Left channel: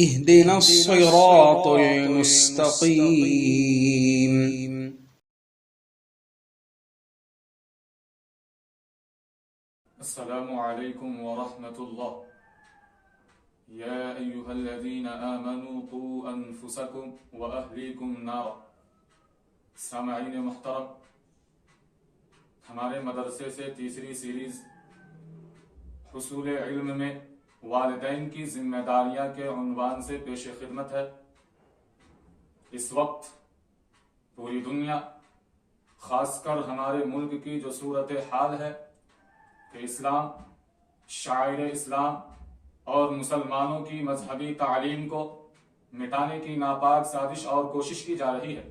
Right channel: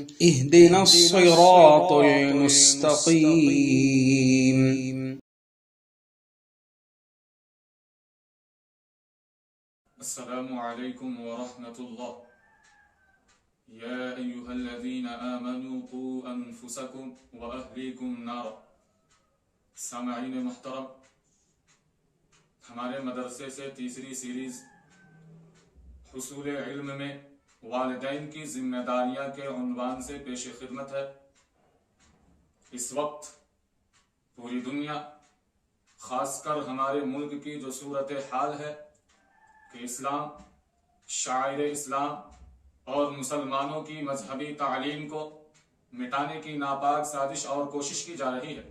اهدنا الصراط المستقيم. السلام عليكم ورحمة الله. يا أيها الذين آمنوا قوا أنفسكم وأهليكم نارا. سامعین محترم، ہمارے مدرسے سے تیسری سیریز حصول علم میں والدین کی ذمہ داریاں کے عنوان سے پیش خدمت ہے۔ اس وقت پوری دنیا، خاص کر ہمارے ملک کی جو صورت حال ہے کہ اسلام، شاعر اسلام اور مسلمانوں کی مذہبی تعلیم کو مٹانے کی ناپاک سازش اور کوشش کی جا رہی ہے،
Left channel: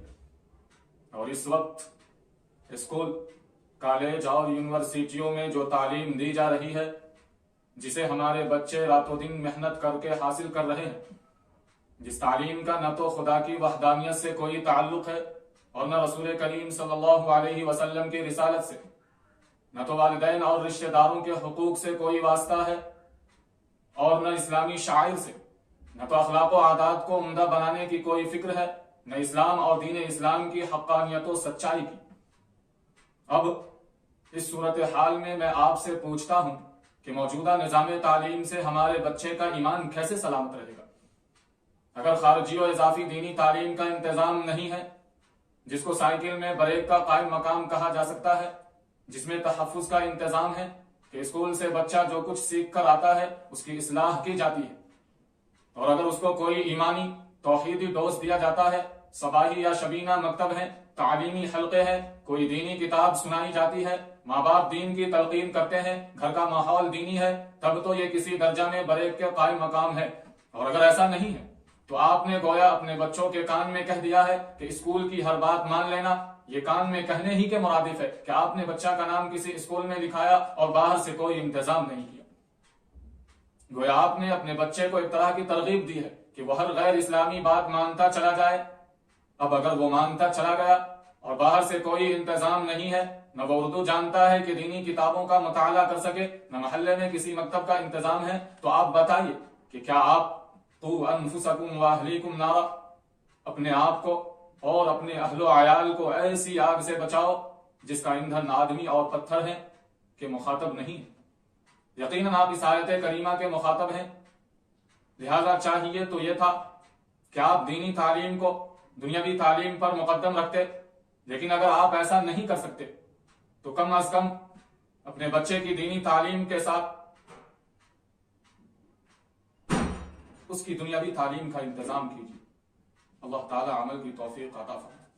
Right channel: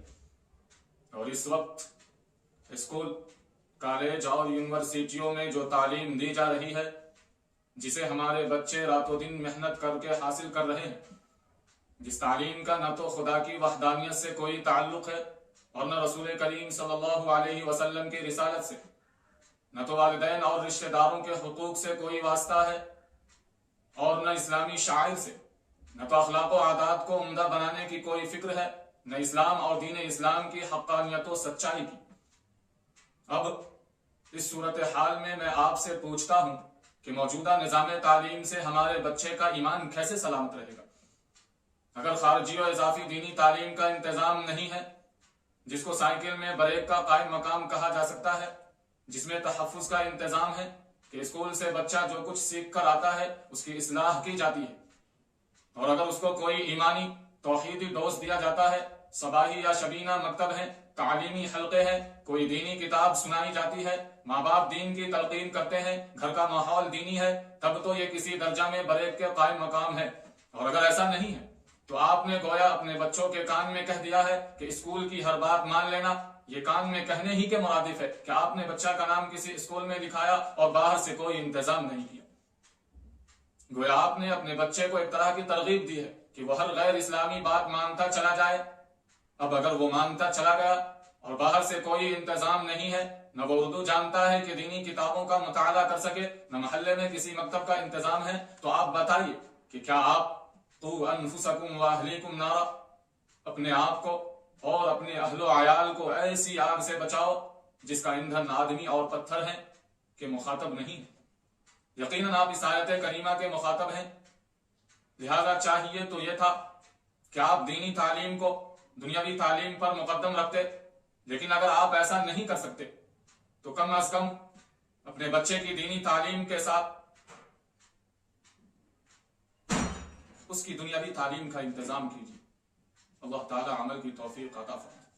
اور اس وقت اسکول، کالج اور یونیورسٹیوں میں جو تعلیم دی جا رہی ہے، جسے ہمارے بچے راتوں دن محنت کر کے حاصل کر رہے ہیں، جس تعلیم کا نہ تو خدا کی وحدانیت سے کوئی تعلق ہے اور نہ رسول کریم صلی اللہ علیہ وسلم کی رسالت سے، نہ تو والدین اور رشتہ داروں کے حقوق سے کوئی واسطہ ہے، اور نہ اسلامی شاعر سے، نہ تو اخلاق و عادات کو عمدہ بنانے کی کوئی فکر ہے، نہ اسلام اور دین اسلام کی حقانیت و سچائی کی۔ اب اس صورتحال میں میں آپ سے پوچھتا ہوں کہ موجودہ نظام تعلیم سے ہمارے بچے کا ایمان کیسے سلامت رہے گا؟ اگر خارجی و اضافی دینی تعلیم کا انتظام نہیں ہے، جس کو سائیکل میں بریک کا قائم مقام کہا جا سکتا ہے، جس میں تحفظ کا انتظام ہے کہ اسکول سے بچہ جو کچھ سیکھ کر آتا ہے اس کی اصلاح کی جاتی ہے، اور اگر اس کو کوئی ایمانی توحیدی ڈوز دیا جاتا ہے، صباحی یا شبینہ مکتب ہے، تعلیمی حلقے ہیں، کوئی دینی کتاب سنائی جاتی ہے، ماں باپ دین کی تلقین کرتے ہیں، گھر کا ماحول دینی ہے، تب تو یہ کسی درجہ میں بریک کے قائم مقام ہے۔ اور اگر ایسا نہیں ہے تو آپ نے گویا اپنے بچوں کے کان میں کہہ دیا ہے کہ اسکول کی ہر بات مان لینا۔ یہ کان میں کہنے ہی کے مرادف ہے کہ آپ نے بچہ کا نام کسی اسکول میں لکھایا اور باہر سے کوئی انتظام نہیں کیا۔ گویا آپ نے اپنے بچے کو ایک طرح کی ترغیب دی ہے کہ وہ ہر غیر اسلامی بات مانتا چلا جائے۔ اب اگر وہ مانتا چلا گیا اور باہر سے کوئی انتظام نہیں ہے، نہ وہ اردو جانتا ہے کہ دینی کتابوں کا مطالعہ کر سکے، نہ محلے میں کسی مکتب کا انتظام ہے، تو آپ بتائیے کہ کیا آپ قوا انفسکم واہلیکم نارا، اپنے آپ کو اور اپنے اہل و عیال کو ایسی آگ سے بچاؤ جس کا ایندھن آدمی اور پتھر ہے، کہ مخاطب نہیں؟ یقیناً آپ اس آیت کریمہ کے مخاطب ہیں، لہذا چاہیے تو یہ تھا کہ آپ دینی تعلیم کو دنیاوی تعلیم پر مقدم رکھتے، لیکن اگر آپ ایسا نہیں کر سکتے تو کم از کم اپنے بچے کی دینی تعلیم کے ساتھ اس کی دنیاوی تعلیم کا انتظام کیجیے۔ اللہ تعالی عمل کی توفیق عطا فرمائے۔